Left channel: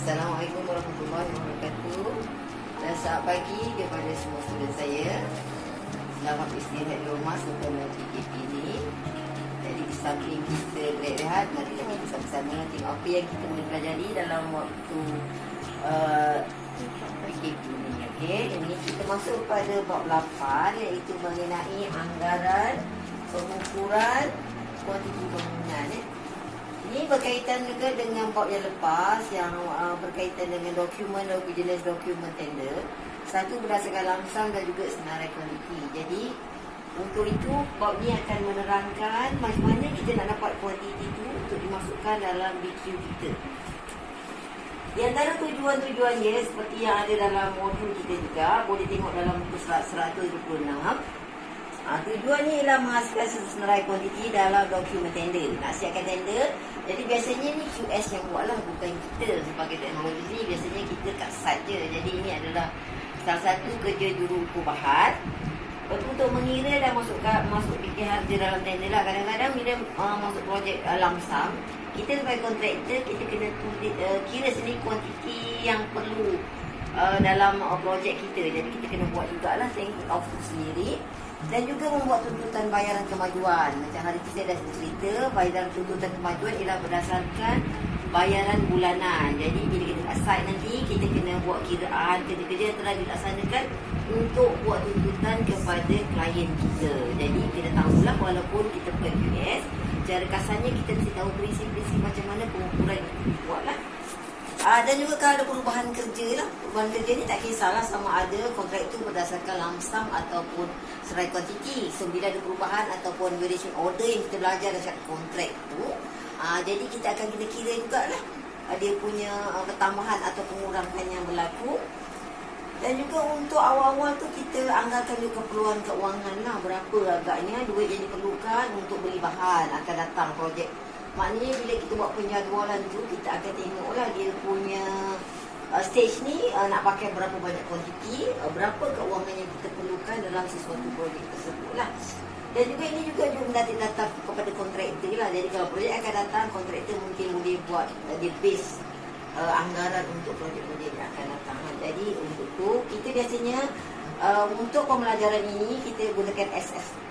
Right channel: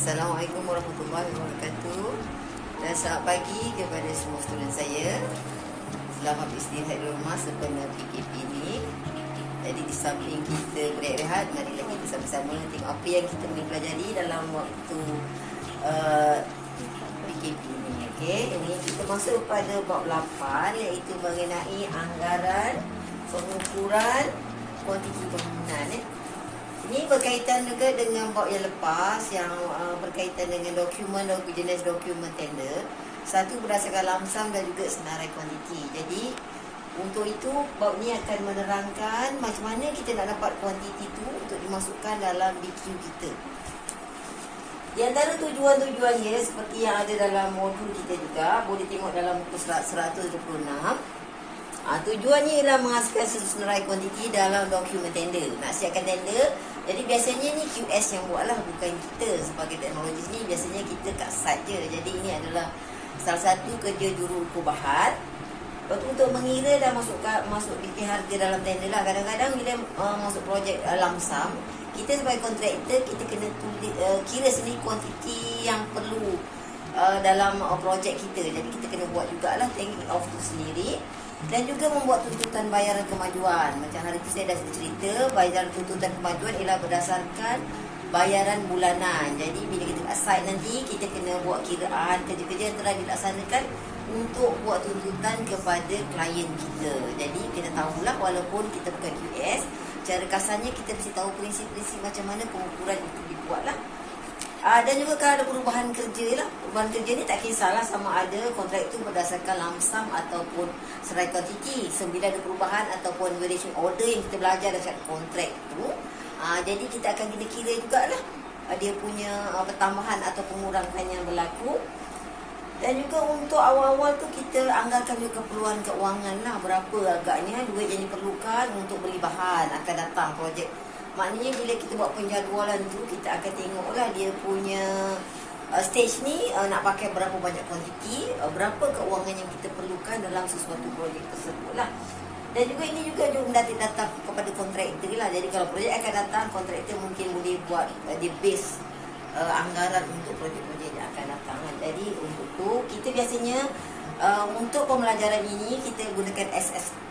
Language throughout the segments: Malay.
Assalamualaikum warahmatullahi wabarakatuh. Dan selamat pagi kepada semua student saya. Selamat istirahat di rumah sempena PKP ini. Jadi di samping kita berehat, mari kita sama-sama tengok apa yang kita boleh pelajari dalam waktu PKP ini. Okey, ini kita masuk pada bab 8 iaitu mengenai anggaran, pengukuran, kuantiti bangunan. Ini berkaitan juga dengan bab yang lepas yang berkaitan dengan dokumen jenis dokumen tender. Satu berdasarkan lamsam dan juga senarai kuantiti. Jadi untuk itu bab ni akan menerangkan macam mana kita nak dapat kuantiti itu untuk dimasukkan dalam BQ kita. Di antara tujuan-tujuannya seperti yang ada dalam modul kita juga, boleh tengok dalam muka surat 126. Tujuannya ialah menghasilkan senarai kuantiti dalam dokumen tender. Nak siapkan tender. Jadi biasanya ni QS yang buatlah, bukan kita sebagai teknologi ni. Biasanya kita kat site je. Jadi ini adalah salah satu kerja juru ukur bahan. Untuk mengira dan masuk bikin harga dalam tender lah. Kadang-kadang bila masuk projek lamsam, kita sebagai kontraktor kita kena kira sendiri kuantiti yang perlu dalam projek kita. Jadi kita kena buat jugalah thanking off tu sendiri. Dan juga membuat tuntutan bayaran kemajuan. Macam hari ini saya dah cerita, bayaran tuntutan kemajuan ialah berdasarkan bayaran bulanan. Jadi bila kita assign nanti, kita kena buat kiraan kerja-kerja yang telah dilaksanakan untuk buat tuntutan kepada klien kita. Jadi kita tahulah walaupun kita bukan QS, cara kasarnya kita mesti tahu prinsip-prinsip macam mana pengukuran itu dibuatlah. Dan juga kalau ada perubahan kerja lah. Perubahan kerja ni tak kisahlah sama ada kontrak itu berdasarkan lamsam ataupun serai kuantiti. So bila ada perubahan ataupun variation order yang kita belajar dalam kontrak tu, jadi kita akan kira jugalah dia punya pertambahan atau pengurangan yang berlaku. Dan juga untuk awal-awal tu kita anggarkan juga keperluan keuangan lah. Berapa agaknya duit yang diperlukan untuk beli bahan akan datang projek. Maknanya bila kita buat penjadualan tu, kita akan tengoklah dia punya stage ni nak pakai berapa banyak kuantiti, berapa keuangan yang kita perlukan dalam sesuatu projek tersebut lah. Dan juga ini juga data kepada kontraktor lah. Jadi kalau projek akan datang, kontraktor mungkin boleh buat dia base anggaran untuk projek-projek yang akan datang. Jadi untuk tu kita biasanya untuk pembelajaran ini kita gunakan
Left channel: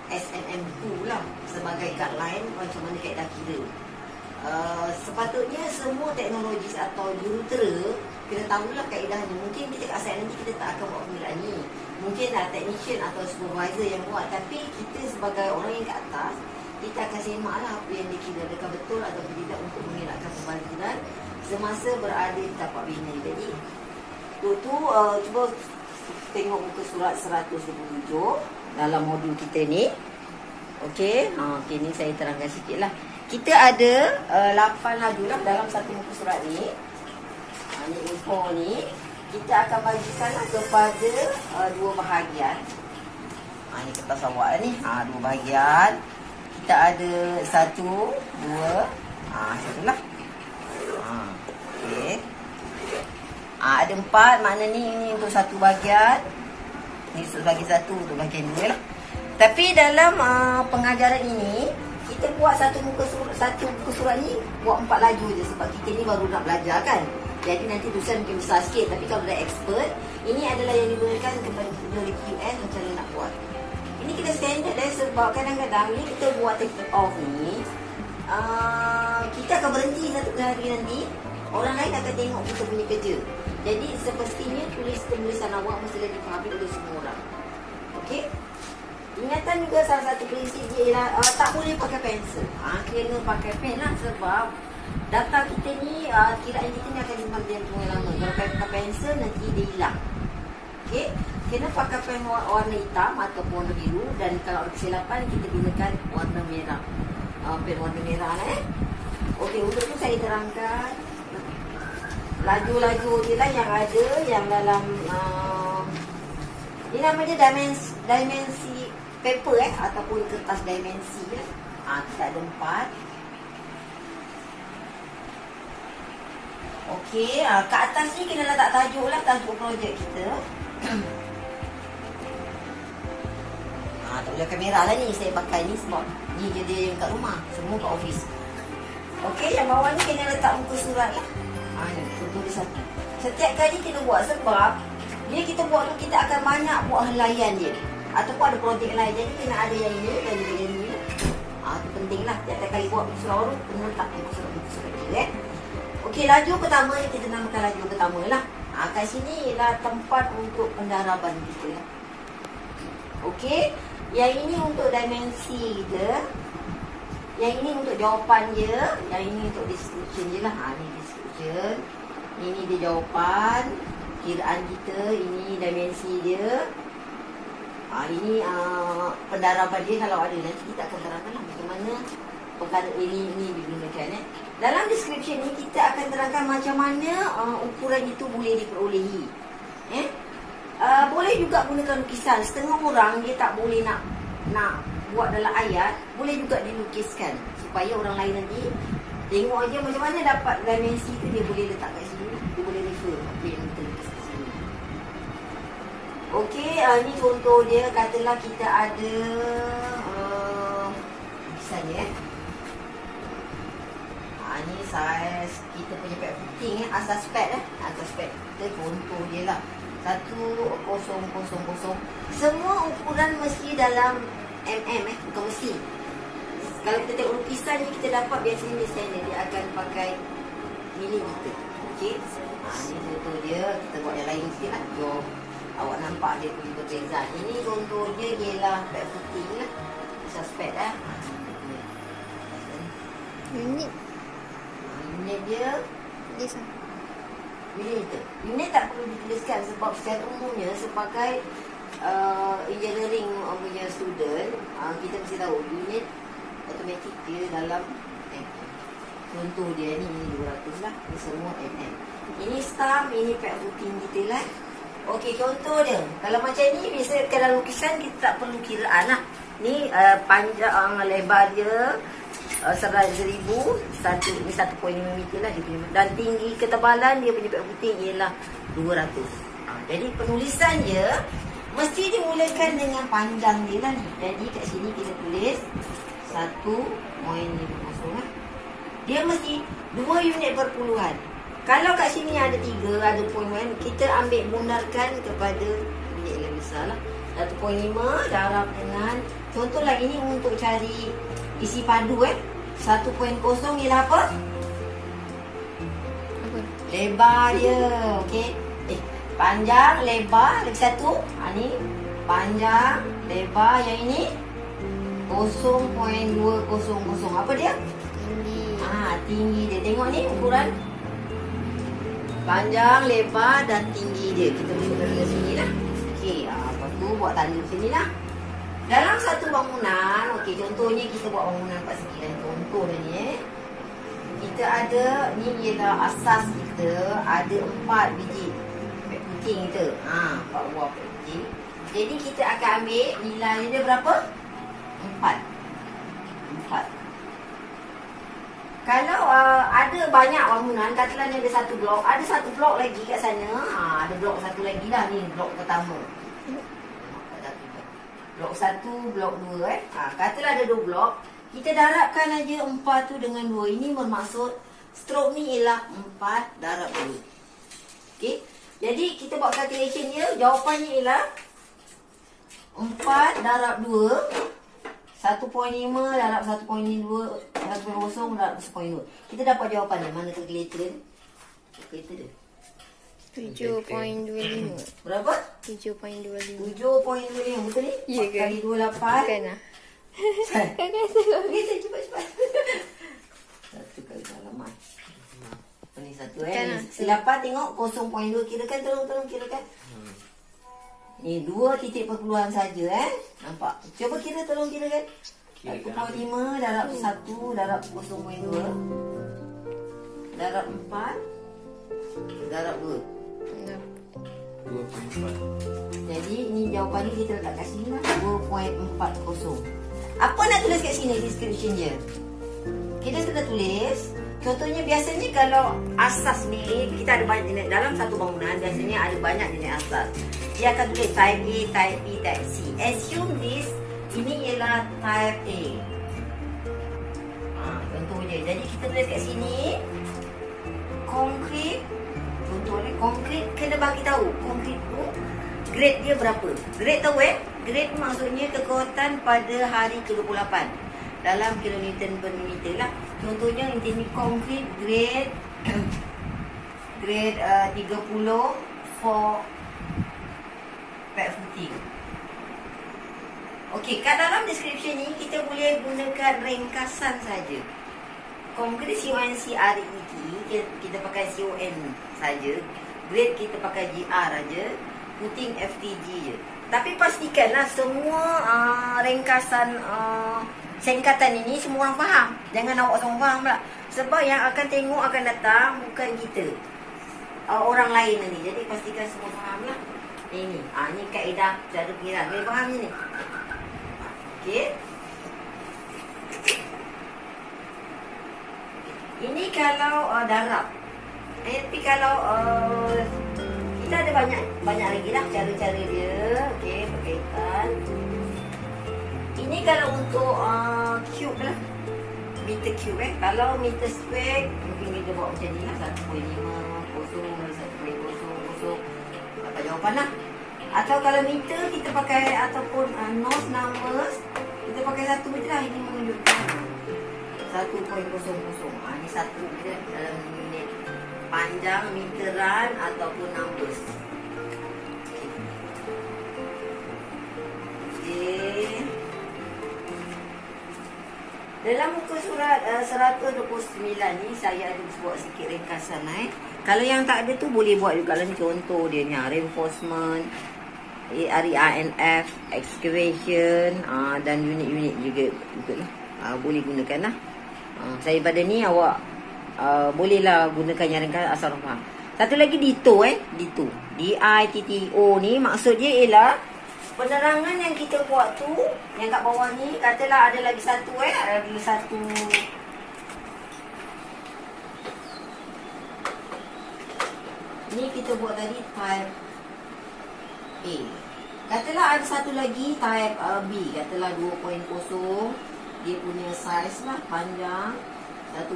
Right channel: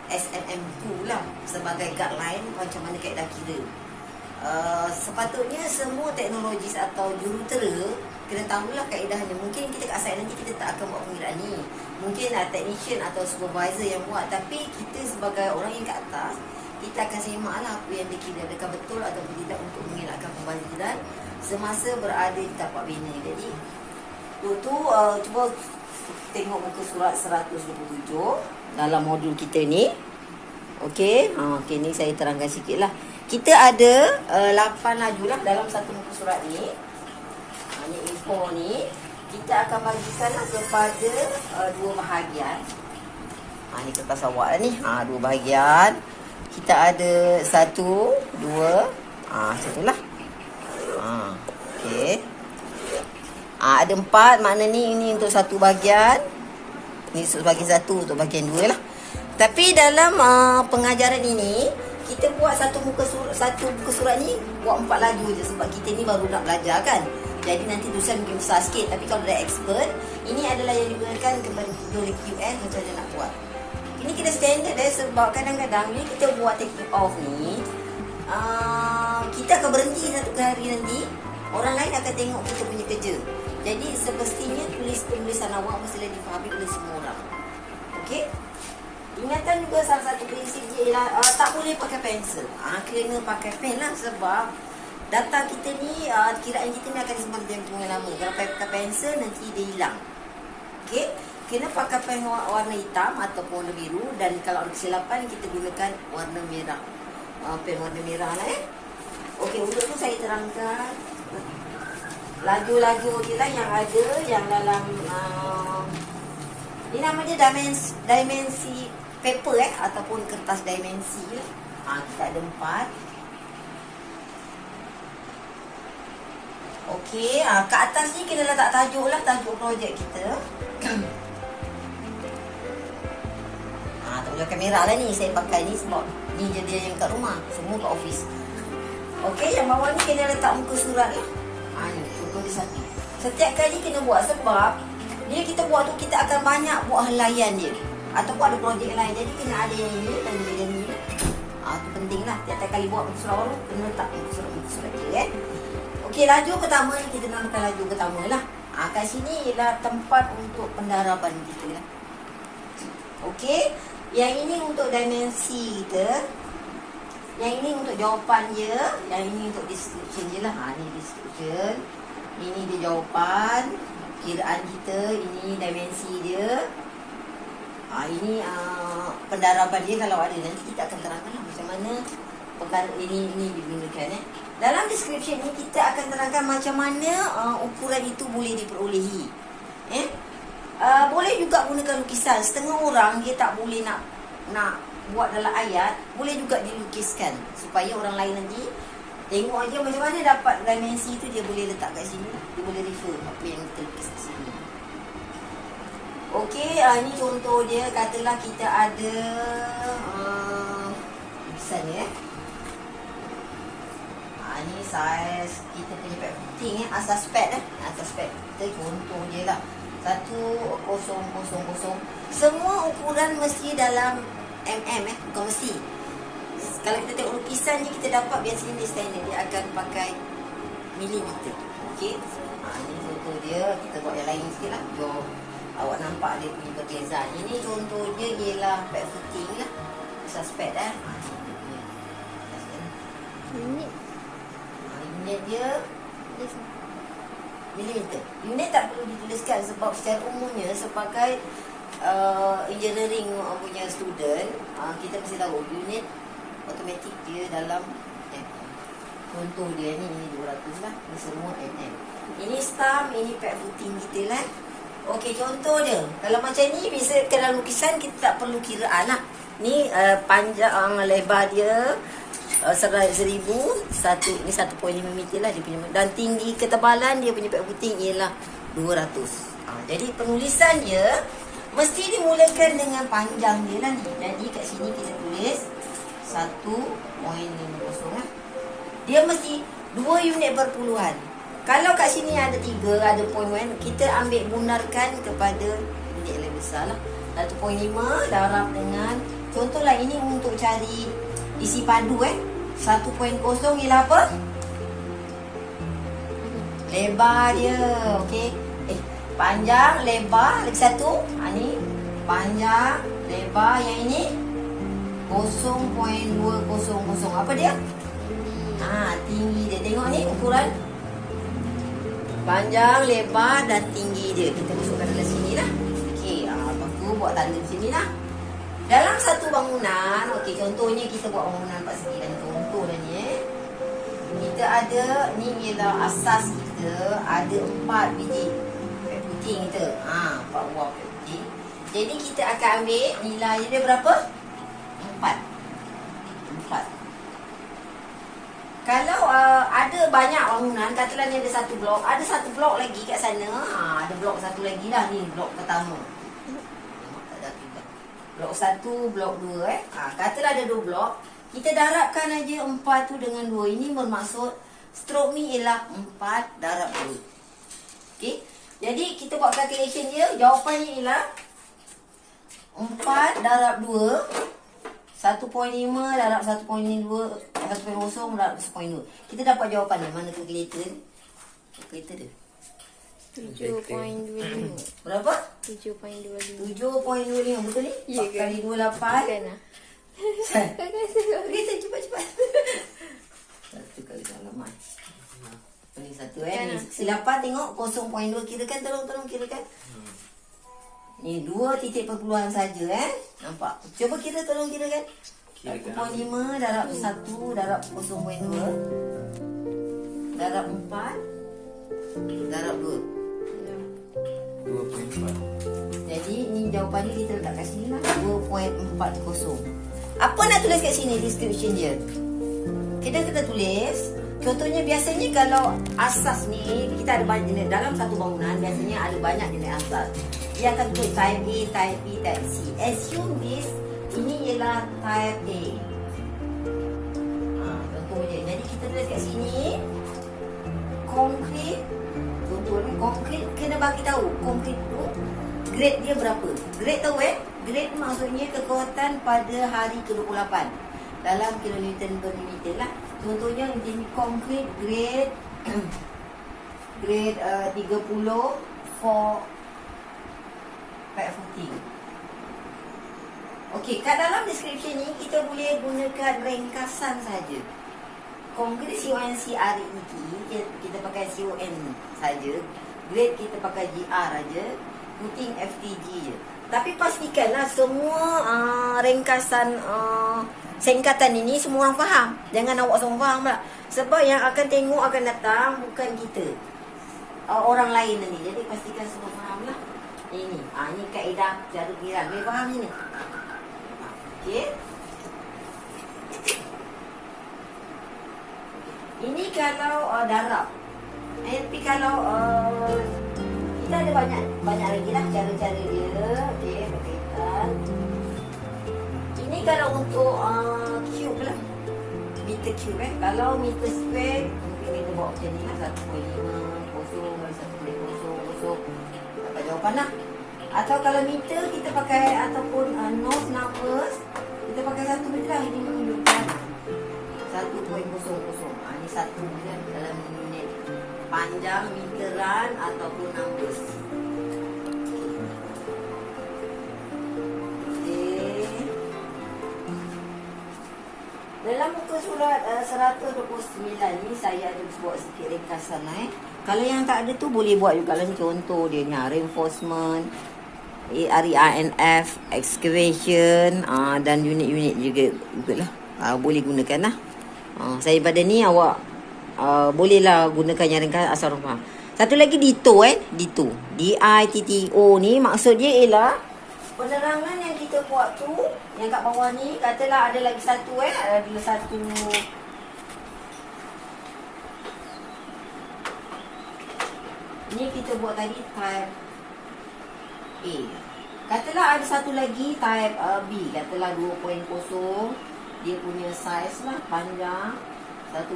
SNM2 lah sebagai guideline macam mana kaedah kira. Sepatutnya semua teknologis atau jurutera kena tahulah kaedahnya. Mungkin kita kat site nanti kita tak akan buat pengiraan ni. Mungkin technician atau supervisor yang buat. Tapi kita sebagai orang yang kat atas, kita akan semaklah apa yang dikira, adakah betul atau tidak untuk mengelakkan pembangkitan semasa berada di tapak bina. Jadi tu cuba tengok muka surat 127 dalam modul kita ni. Okey, ni saya terangkan sikit lah. Kita ada 8 laju lah dalam satu muka surat ni. Ni info ni kita akan bagikanlah kepada dua bahagian. Ni kertas awak ni. Dua bahagian. Kita ada 1, 2, satulah. Okey. Ada 4, makna ni untuk satu bahagian. Ni bagi satu untuk bahagian 2 lah. Tapi dalam pengajaran ini kita buat satu muka surat ni buat 4 laju je sebab kita ni baru nak belajar kan. Jadi nanti tulisan mungkin besar sikit, tapi kalau dah expert, ini adalah yang diberikan kepada QS macam mana nak buat. Ini kita standard sebab kadang-kadang ni kita buat take off ni kita akan berhenti satu hari nanti, orang lain akan tengok kita punya kerja. Jadi semestinya tulisan awak mesti difahami oleh semua orang. Okey? Ingatan juga salah satu prinsip dia ialah tak boleh pakai pensel. Kena pakai pen lah sebab data kita ni, kiraan kita ni akan disimpan tempoh yang lama. Kalau pakai pensel nanti dia hilang. Okey? Kena pakai pen warna hitam ataupun warna biru, dan kalau ada kesilapan kita gunakan warna merah. Pen warna merah lah Okey, untuk tu saya terangkan laju-laju dia lah yang ada yang dalam ini namanya dimensi paper ataupun kertas dimensi lah. Kita ada 4. Okey, kat atas ni kena letak tajuk lah, tajuk projek kita. Tak boleh kamera lah ni, saya pakai ni sebab ni je dia yang kat rumah, semua kat office. Okey, yang bawah ni kena letak muka surat ni. Ni, contoh di satu. Setiap kali kita buat sebab bila kita buat tu kita akan banyak buat helaian dia. Ataupun ada projek lain. Jadi kena ada yang ini dan yang ini. Itu penting lah. Tiap kali buat muka surat huruf kena letak muka surat dia. Okey, laju pertama ni kita namakan laju pertama lah. Kat sini ialah tempat untuk pendaraban kita lah. Okey, yang ini untuk dimensi kita. Yang ini untuk jawapan dia. Yang ini untuk description je lah. Ni description. Ini dia jawapan. Kiraan kita. Ini dimensi dia. Ini pendaraban dia kalau ada. Nanti kita akan terangkan lah macam mana perkara ini digunakan. Dalam description ni kita akan terangkan macam mana ukuran itu boleh diperolehi. Boleh juga gunakan lukisan. Setengah orang dia tak boleh nak buat dalam ayat, boleh juga dilukiskan supaya orang lain nanti tengok aja macam mana dapat dimensi tu, dia boleh letak kat sini, dia boleh refer apa yang kita lukis kat sini. Okey, ni contoh dia. Katalah kita ada lukisan ni ni saiz kita punya pad footing asas pad asas pad kita contoh je lah 1000. Semua ukuran mesti dalam bukan mesti. Kalau kita tengok lukisan ni kita dapat biasanya dia standard, dia akan pakai milimeter. Okey, ni contoh dia. Kita buat yang lain sikit lah. Jom awak nampak dia punya perbezaan. Ini contoh dia ialah pad footing lah, asas pad unit dia milimeter. Unit tak perlu dituliskan sebab secara umumnya sebagai engineering punya student, kita mesti tahu unit automatik dia dalam contoh dia ni 200 lah. Ni semua Ini stamp, ini pad footing kita lah. Okey, contoh dia. Kalau macam ni bisa dalam lukisan kita tak perlu kiraan lah. Ni panjang lebar dia 1000, ini 1.5 meter lah dia punya. Dan tinggi ketebalan dia punya pad footing ialah 200. Jadi penulisan dia mesti dimulakan dengan panjang dia lah ni. Jadi kat sini kita tulis 1.50 lah. Dia mesti 2 unit perpuluhan. Kalau kat sini ada 3, ada point 1, kita ambil bunarkan kepada unit yang besar lah. 1.5 darab dengan, contohlah ini untuk cari isi padu 1.0 ialah apa? Lebar dia. Okey. Panjang, lebar, lagi satu. Ni panjang, lebar, yang ini 0.200. Apa dia? Tinggi. Tinggi dia. Tengok ni ukuran panjang, lebar dan tinggi dia. Kita mesti bagi sini lah. Okey, lepas tu buat tanda sini lah. Dalam satu bangunan, okey, contohnya kita buat bangunan 4 segi dan contoh dah ni kita ada, ni ialah asas kita, ada 4 biji pad footing kita. 4 buah pad footing. Jadi kita akan ambil nilai dia berapa? 4. Kalau ada banyak bangunan, katalah ni ada satu blok, ada satu blok lagi kat sana, ada blok satu lagi lah, ni blok pertama. Blok 1, blok 2 katalah ada 2 blok. Kita darabkan aja 4 tu dengan 2. Ini bermaksud strok ni ialah 4 darab 2. Okey. Jadi kita buat calculation dia, jawapannya ialah 4 darab 2 1.5 darab 1.2 1.0 darab 1.2. Kita dapat jawapan dia. Mana calculator ni? Calculator dia 7.25. Berapa? 7.25. 7.25. Betul ni? Ya ke? Kali 28. Bukan lah. Kita cepat-cepat. Satu kali halaman. Ini satu silapan tengok 0.2 kirakan, tolong kirakan. Ni 2 titik perpuluhan saja nampak. Cuba kira, tolong kirakan. 1.5 darab 1 darab 0.2 darab 4 darab 2. 2.4. Jadi ni jawapan ni kita letak kat sini lah, 2.40. Apa nak tulis kat sini description dia? Kita kena tulis. Contohnya biasanya kalau asas ni kita ada banyak jenis dalam satu bangunan, biasanya ada banyak jenis asas. Dia akan tulis type A, type B, type C. Assume this, ini ialah type A. Contohnya, jadi kita tulis kat sini concrete Contohnya konkret kena bagi tahu konkret tu grade dia berapa. Grade tahu grade maksudnya kekuatan pada hari ke-28 dalam kilonewton per meter lah. Contohnya ini konkret grade grade 30 for pet footing. Okey, kat dalam description ni kita boleh gunakan ringkasan saja. Konkret CONC RET kita pakai CON saja. Grade kita pakai GR aja. Footing FTG je. Tapi pastikanlah semua ringkasan singkatan ini semua orang faham. Jangan awak semua faham pula. Sebab yang akan tengok akan datang bukan kita, orang lain ni. Jadi pastikan semua faham lah. Ini ni kaedah cara pengiran. Boleh faham ni? Okey. Ini kalau darab. Tapi kalau kita ada banyak lagi lah cara-cara dia. Okey, berkaitan. Ini kalau untuk cube lah. Meter cube Kalau meter square mungkin kita bawa macam ni lah. 1.50 dapat jawapan lah. Atau kalau meter kita pakai ataupun north numbers, kita pakai 1 je lah. Ini menunjukkan 1.00. Ni 1 je dalam unit panjang, meteran ataupun numbers. Okey. Dalam muka surat 129 ni saya ada buat sikit ringkasan lah. Kalau yang tak ada tu boleh buat juga lah. Contoh dia ni reinforcement, RERNF, excavation dan unit-unit juga lah. Boleh gunakan lah. Saya pada ni awak bolehlah gunakan yang ringkas asal orang faham. Satu lagi DITO DITO. DITTO ni maksud dia ialah penerangan yang kita buat tu, yang kat bawah ni, katalah ada lagi satu ada satu ni kita buat tadi type A. Katalah ada satu lagi type B, katalah 2.0. Dia punya size lah panjang 1.50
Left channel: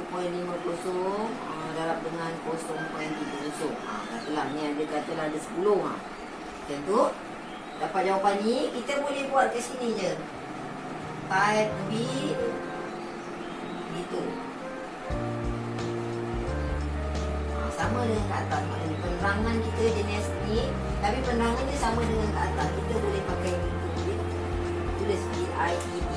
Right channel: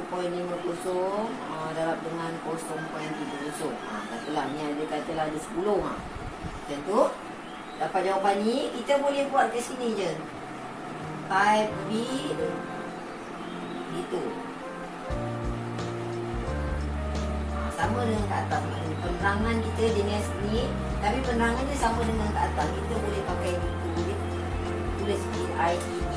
darab dengan 0.30. Katalah ni ada, katalah ada 10 macam tu. Dapat jawapan ni, kita boleh buat ke sini je. Type B gitu. Sama dengan kat atas. Maknanya penerangan kita jenis ni, tapi penerangan dia sama dengan kat atas. Kita boleh pakai gitu. Boleh tulis IED.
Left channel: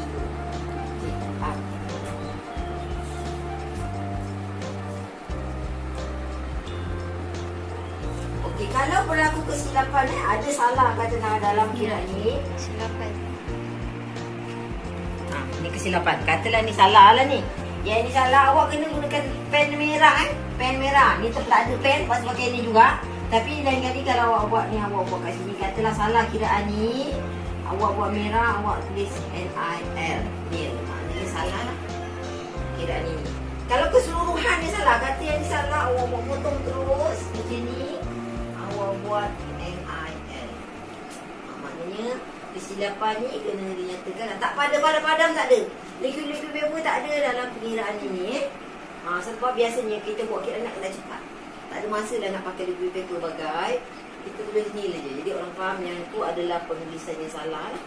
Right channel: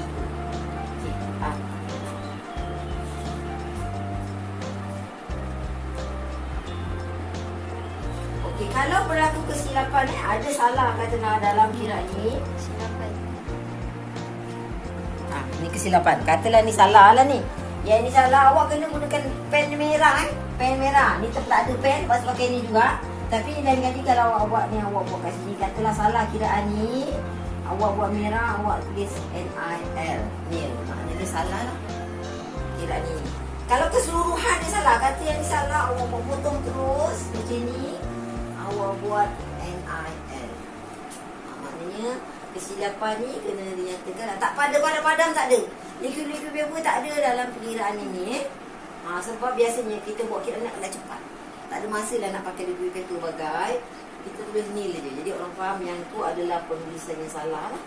Okey, kalau berlaku kesilapan ada salah katalah dalam kiraan ni. Kesilapan. Ni kesilapan. Katalah ni salah lah ni. Yang ni salah, awak kena gunakan pen merah pen merah. Ni tak ada pen, lepas pakai ni juga. Tapi lain kali kalau awak buat ni, awak buat kat sini, katalah salah kiraan ni, awak buat merah, awak tulis NIL. Ni maknanya salah lah kiraan ni. Kalau keseluruhan dia salah, kata yang ni salah, awak buat potong terus macam ni, awak buat NIL. Maknanya kesilapan ni kena dinyatakan. Tak padam-padam tak ada. Liquid paper tak ada dalam pengiraan ini. Sebab biasanya kita buat kira nak cepat. Tak ada masa dah nak pakai liquid paper bagai. Kita tulis nil je. Jadi orang faham yang tu adalah penulisan yang salah lah.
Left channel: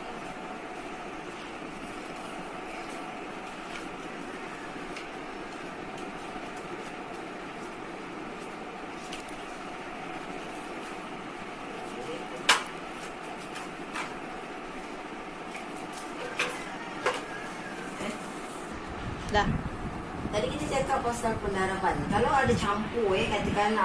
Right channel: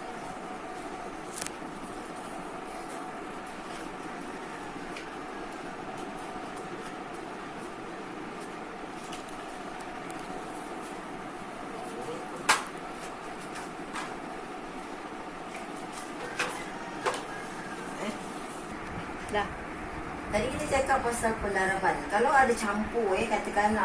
Dah. Tadi kita cakap pasal pendaraban. Kalau ada campur katakan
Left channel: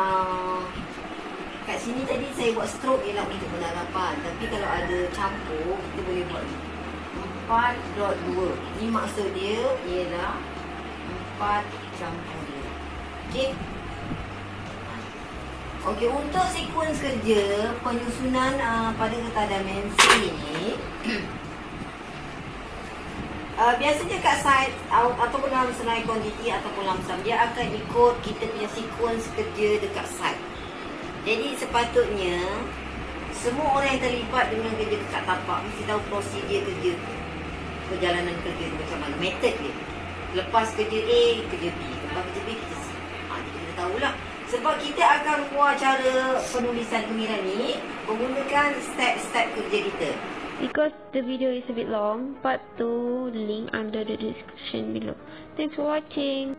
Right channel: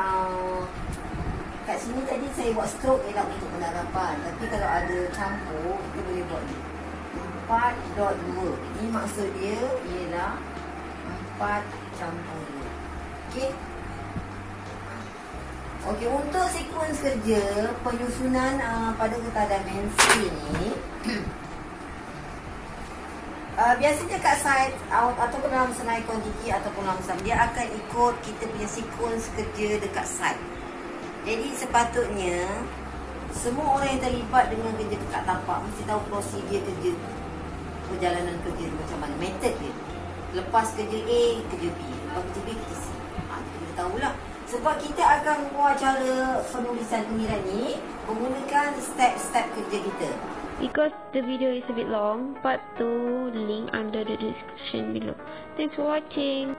kat sini tadi saya buat stroke ialah untuk pendaraban. Tapi kalau ada campur, kita boleh buat ni 4.2. Ni maksud dia ialah 4 campur 2. Okey. Okey, untuk sekuens kerja penyusunan pada kertas dimensi ni biasanya kat site ataupun dalam senai kuantiti ataupun lamsam, dia akan ikut kita punya sekuens kerja dekat site. Jadi sepatutnya semua orang yang terlibat dengan kerja dekat tapak mesti tahu prosedur kerja, perjalanan kerja tu macam mana, metod dia. Lepas kerja A, kerja B, lepas kerja B, kerja C. Kita tahulah. Sebab kita akan buat cara penulisan gemiran ni menggunakan step-step kerja kita. Because the video is a bit long, part 2 link under the description below. Thanks for watching.